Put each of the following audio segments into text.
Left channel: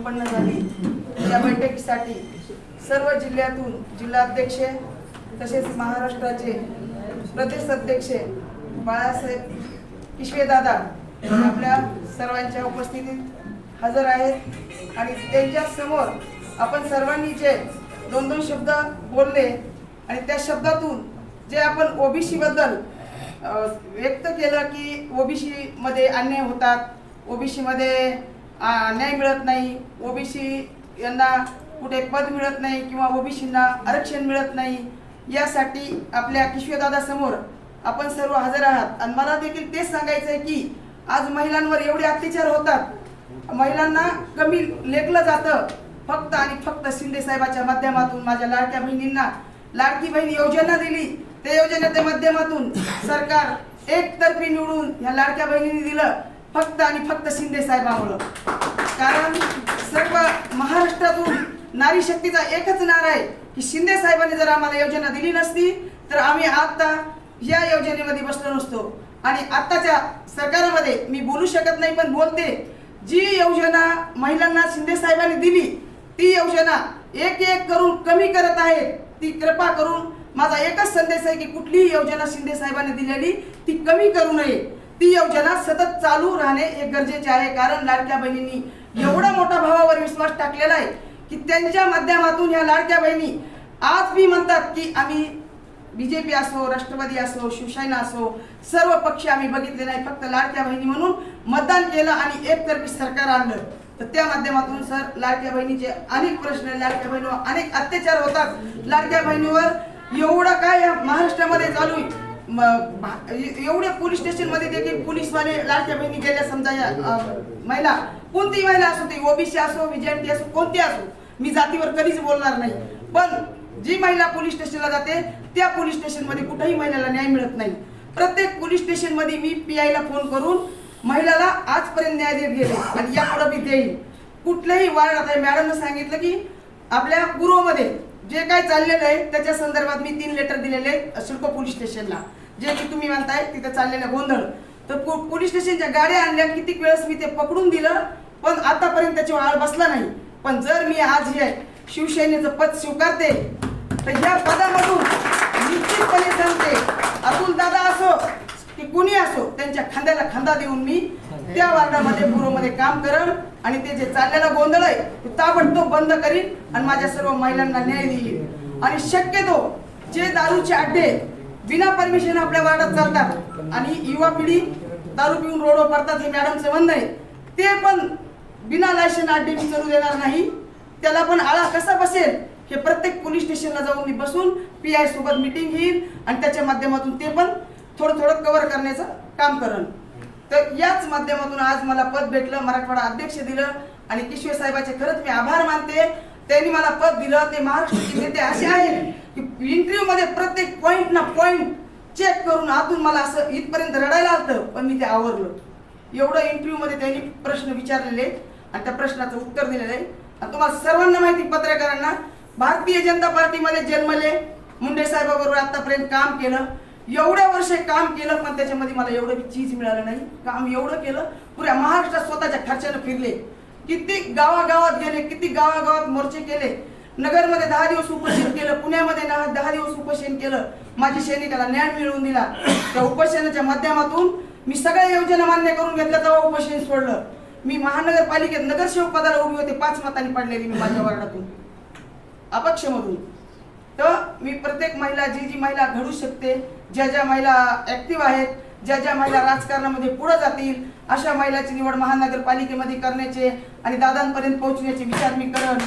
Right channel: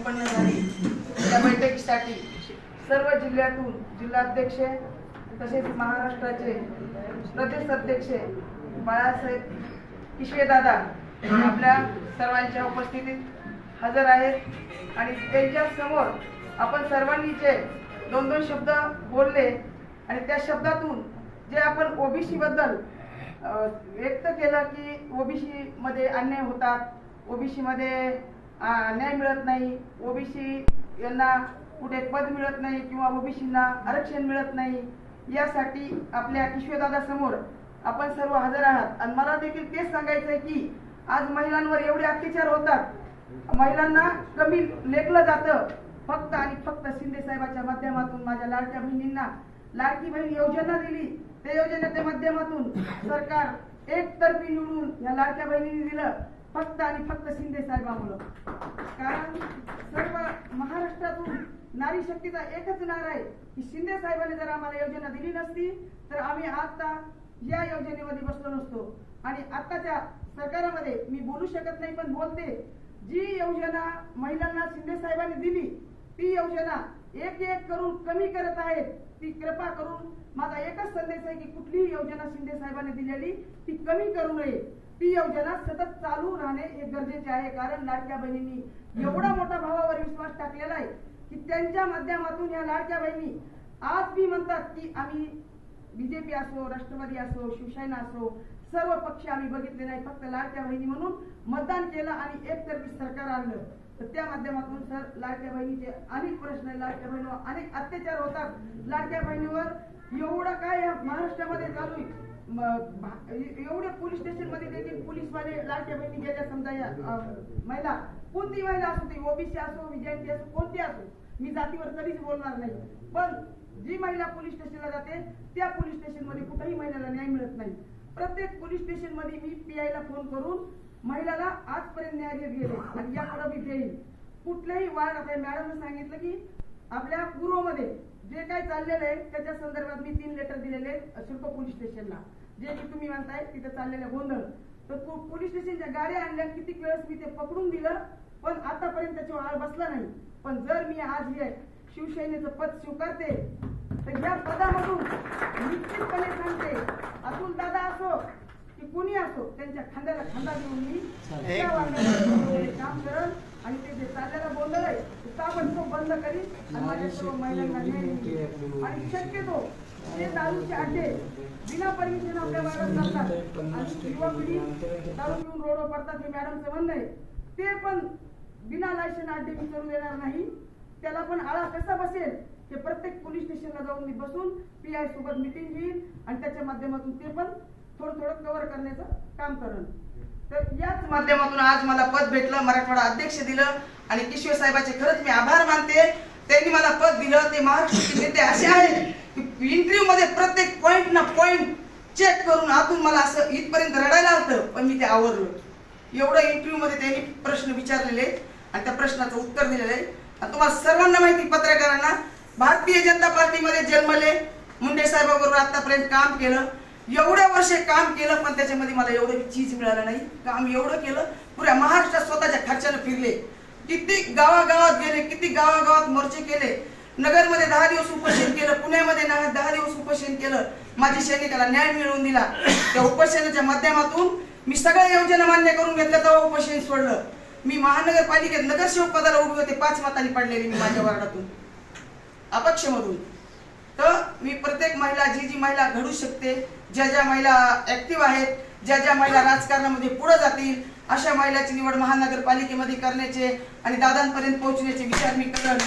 संपन्न झाली. या बैठकीसाठी सर्व जिल्ह्यातून जिल्हाध्यक्ष तसेच महाराष्ट्राचे प्रदेश अध्यक्ष बाळासाहेब पिशवेदादा हे आपल्या सर्वांच्या उपस्थितीत हजर आहेत. आणि त्यांच्यासमोर आपण सर्वांनी जे दोन दोन शब्द बोलले आणि त्या शब्दातून जे आपण ओबीसीबद्दल व्यक्त केलं की ओबीसीमध्ये अन्याय होतात ओबीसीमध्ये न्याय मिळत नाही. ओबीसी यांना कुठे पद मिळत नाही किंवा ओबीसींना आरक्षण मिळत नाही यासाठी आपल्या किशोरदादा समोर आपण सर्व हजर आहात. आणि मला देखील तेच सांगायचं आहे की आज महिलांवर एवढे अत्याचार होतात. महिलांना कमी लेखलं जातं. फक्त आणि फक्त शिंदे साहेबाच्या माध्यमातून माझ्या लाडक्या बहिणींना लाडकी बहीण योजना दिली. त्या योजनेच्या माध्यमातून सरकार एकतर्फी निवडून ह्या लाडक्या बहिणींनी दिलं. फक्त आणि फक्त शिंदे साहेबामुळं. कारण सर्व महाराष्ट्रातून नारी शक्तीचा एकच नारा आहे की शिंदे साहेबांनी जर आम्हाला योजना दिली नसती तर आम्ही आता या योजनेमध्ये बसलो नसतो. आणि आत्ताच्या सरकारमध्ये मी बोलू शकत नाही पण बोलते. जी योजना महिलांना शिंदे साहेबांनी दिली ती योजना एक एक करून कमी करत आहेत ती कृपा करून. माझा एकच संदेश आहे की कुठलीही योजना शिंदे साहेबांनी दिलेली ती कमी करू नये. ती योजना सतत चालू राहणे हे गरजेचे आहे. कारण लाडक्या बहिणींनी एवढा मोठा भावावर विश्वास टाकलेला आहे की त्यांच्या माध्यमातून ह्या लाडक्या बहिणी आज मी म्हणतात की आम्ही बीजेपी असो राष्ट्रवादी असो शिवसेना असो सर्व पक्ष आम्ही बघितले नाही. फक्त लाडक्या बहिणी म्हणून मतदान केलं आणि एकतर्फी सरकार आणलं. तर त्या माध्यमातून सर लाडक्या बहिणीचे अनेक प्रश्न लाडक्या बहिणीवर अनेक अत्याचार होतात. लाडक्या बहिणीवर एवढं काय महाराष्ट्रामध्ये चालू आहे? एवढ्या पोलीस स्टेशनमध्ये देखील पोलीसवाले लाडक्या बहिणी गेल्या समजा या महिला. कोणतीही महिला असो ती ओबीसी असो विजयंती असो कोणती असो मी जातीवर कधीच बोलणार नाही. पण जी महिला पोलीस स्टेशनला जाते त्या पोलीस स्टेशनमध्ये कुठेही महिलाला न्याय मिळत नाही. प्रत्येक पोलीस स्टेशनमध्ये मी पी ला फोन करून महिलाला आजपर्यंत न्याय देत गेले आणि यापुढे मी देईन. कुठल्याही वार्ड आता मॅडमनं सांगितलं की आपल्या पूर्वमध्ये जे काय चाललेलं आहे त्याच्या संदर्भात मी तीन लेटर दिलेले आहेत शुल्क पोलीस स्टेशनला. जे की तुम्ही म्हणताय तिथं चाललेलं गोंधळ. तर पोलीस स्टेशनच्या गाड्या आणल्या कितीक वेळेस मी ते पकडून दिलं पण आतापर्यंत त्याची आळ बसला नाही. पण जर मी आज हे शिवसेनेचं पद स्वीकारते तर या पदामधून निश्चितपणे सांगते अतुल दादा असो की कुणी असो त्यांच्या खांद्याला खांदा देऊन मी त्या वार्डामध्ये पूर्वमध्ये काम करल. आणि ते जे चाललेला गोंधळ आहे ते ताबडतोब बंद करीन आणि माझ्या सर्व महिलांना न्याय देईल आणि शक्यतो जे दारूचे अड्डे बिना परमिशन आपल्या वार्डात चालतात. आणि युवा पिढी दारू पिऊन रोडवर पडतात हे मॅडमचं म्हणणं आहे. ते पण बिना लायसन अड्डे मी करू देणार नाही. त्याला पण आळा कसा बसेल? हे प्रत्येक पोलीस स्टेशनला जाऊन मी बसून पी आय सोबत मिटिंग घेईन आणि त्याच्या माध्यमातून ते पण थोडं थोडं कव्हर करण्याचं काम करण तर याच माध्यमातून आज मला पद भेटलं मराठवाडा अध्यक्ष दिलं आणि किशोर साहेबाचे खरंच मी आभार मानते. त्यांनी मला पद दिलं ते महाराष्ट्राचे नेते असे आहेत की इंटरव्ह्यू मध्ये प्रत्येक पॉइंट ना पॉइंट चेक करून आतून मला असं इथपर्यंत रडायला आलं पण मी ते आवरलो. एवढं इंटरव्ह्यू मध्ये त्यांनी प्रश्न विचारलेले आणि त्या प्रश्नाचं उत्तर दिलेलं आहे. आणि तुम्हाला सर्वांना माहिती पत्रकारांना भारतीय जनता पार्टीमध्ये जन्मले मुंडे साहेबाबरोबर आतापर्यंत काम केलं. एवढ्या वर्षे काम केलं पण त्याच्यामध्ये मला एवढं चीज मिळालं नाही. काम एवढं केलं पुऱ्या महाराष्ट्रात स्वतःच्या खर्चानं फिरले. किती गावागावात गेले किती गावागावात मोर्चे केले. नगरमध्ये दहा दिवस उपोषण केलं पुण्यामध्ये दहा दिवस उपोषण केलं. माझी सैनिकाला न्याय मिळवून दिला. त्या उपोषणाच्या माध्यमातून मी सगळ्या योजना मान्य करून घेतल्या तेव्हा उपोषण सोडलं. मी महानगरपालिकेत नगरसेवक पदाला उभी होते पाच मतांनी पडलेली मी माझ्या वार्डातून. अपक्षमधून. तर मी प्रत्येक महिला जी जी महिला घडू शकते ज्या ज्या महिला ऍक्टिव्ह आहेत ज्या ज्या महिला राजकारणामध्ये पुढे जातील अशा महिलाची निवड महानगरपालिकेमध्ये करण्याचे आणि दादांपर्यंत पोहोचण्याचे विचार मी करण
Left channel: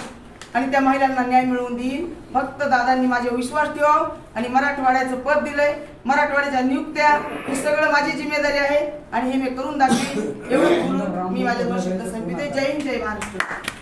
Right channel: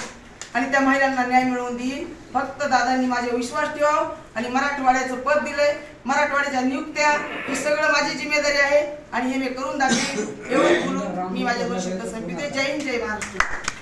आणि त्या महिलांना न्याय मिळवून देईन. फक्त दादांनी माझे विश्वास ठेवाव आणि मराठवाड्याचं पद दिलंय. मराठवाड्याच्या नियुक्त्या हे सगळं माझी जिम्मेदारी आहे आणि हे मी करून दाखवेन. एवढे बोलून मी माझ्या दोन जय हिंद जय महाराष्ट्र.